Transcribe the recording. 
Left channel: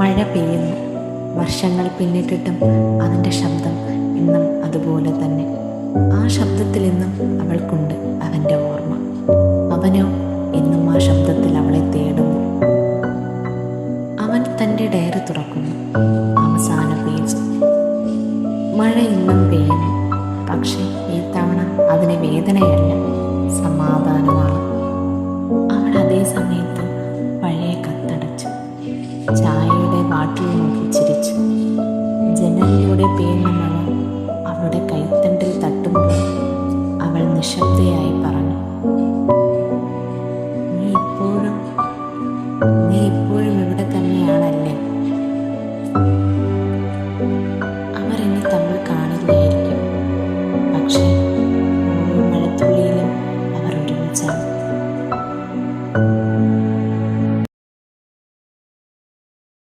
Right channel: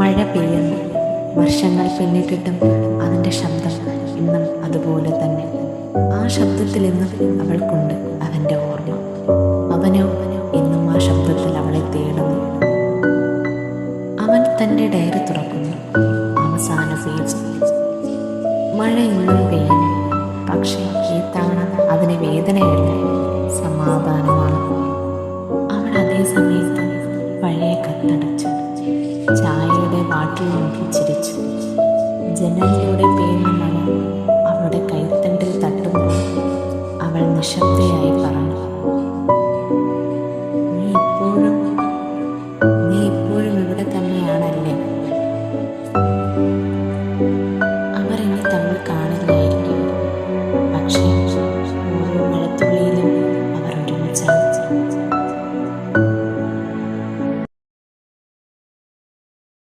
മഴ പെയ്യുന്നു. വർഷങ്ങൾ പിന്നിട്ടിട്ടും അതിൻ്റെ ശബ്ദം ഇന്നും അതുപോലെ തന്നെ. ആ ശബ്ദത്തിൽ ഇന്നും അവൾക്കുണ്ട് അവൻ്റെ ഓർമ്മ. അവനോ ഇന്നും ആ ശബ്ദത്തിൽ അവളെ തേടുന്നു. അവൻ തൻ്റെ ഡയറി തുറക്കുന്നു. അവസാന പേജ്. മഴ ഇന്നും പെയ്യുന്നു. പക്ഷേ ഈ തവണ അതിന് വേദനയല്ല, സമാധാനമാണ്. അവൾ അതേ സമയത്ത് പഴയ കത്തടച്ചു. ചായയുടെ ബാട്ടിൽ നോക്കി ചിരിച്ചു. ജനലിലൂടെ പെയ്യുന്ന മഴ അവളുടെ കൈത്തണ്ടിൽ തട്ടുമ്പോൾ അവൾ നിശബ്ദയായി പറഞ്ഞു, നീ ഇപ്പോഴും ഇവിടെ തന്നെ